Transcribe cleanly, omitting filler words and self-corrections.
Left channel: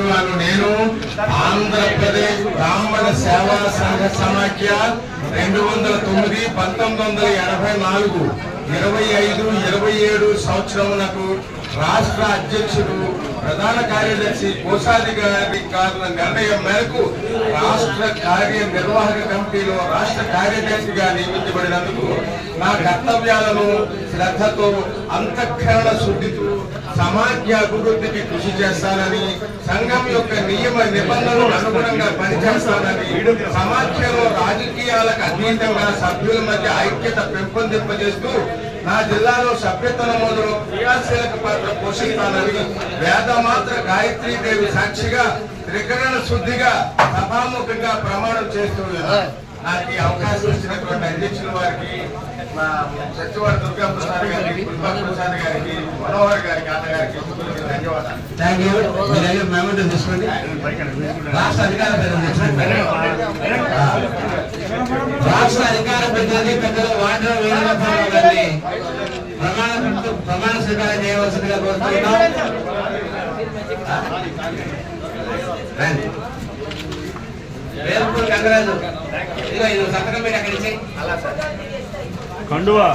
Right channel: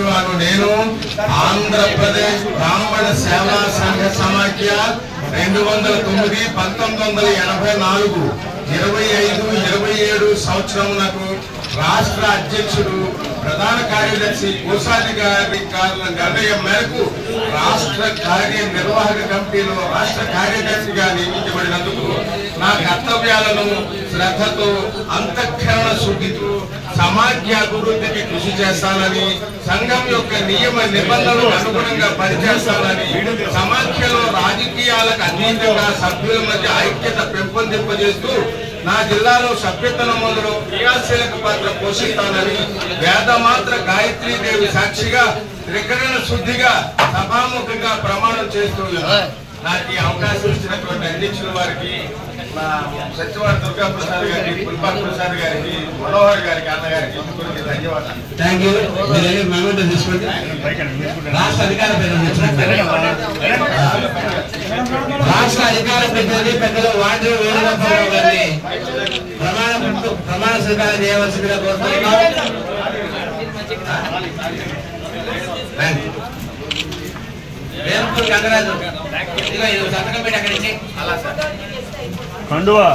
రాజువారు నేను ఆంధ్రప్రదేశ్ బ్రాహ్మణ సేవా సంఘ సమాఖ్య 209 1984 25-27 సంవత్సరమునకు రాష్ట్ర అధ్యక్షుడు ప్రధాన కార్యదర్శి కోశాధికారి నిర్ణయం మేరకు రాష్ట్ర కార్యనిర్వాహక కమిటీలో రాష్ట్ర కార్యదర్శిగా నియమించబడినందుకు నా కర్తవ్యాలను శ్రద్ధతో అంతఃకరణ శుద్ధితో సమాఖ్య అభివృద్ధికి కృషి చేస్తానని సంఘం యొక్క నియమ నిబంధనలకు అనుగుణంగా పనిచేస్తానని సమాఖ్యలో రాజకీయాలకు అతీతంగా సభ్యుల మధ్య ఐక్యత పెంపొందింపజేస్తూ నా జిల్లాలో సభ్యత్వ నమోదులో క్రియాశీలక పాత్ర పోషిస్తానని వేదమాత్ర గాయత్రీదేవి సాక్షిగా త్రికరణ శుద్ధిగా సభాముఖంగా ప్రమాణం చేస్తూ నాకు ఈ అవకాశం ఇచ్చినటువంటి అధ్యక్షుల వారికి మా సత్యవారి దుర్గా ప్రసాద్ గారికి పుల్పా ప్రసాద్ గారికి మనోహర్ గారికి అన్నగారికి ధన్యవాదాలు. Thank you. తీసుకోండి. రాష్ట్ర అధికార రాష్ట్ర అధికార ప్రతినిధి పెద్దలు వాటర్ వేణుగోపాల్ గారిని ప్రమాణ స్వీకారం చేయవలసిందిగా కోరుతున్నాం. గంగరాజు సంతకం పెట్టి అక్కడి నుంచి అలా సార్ కండువా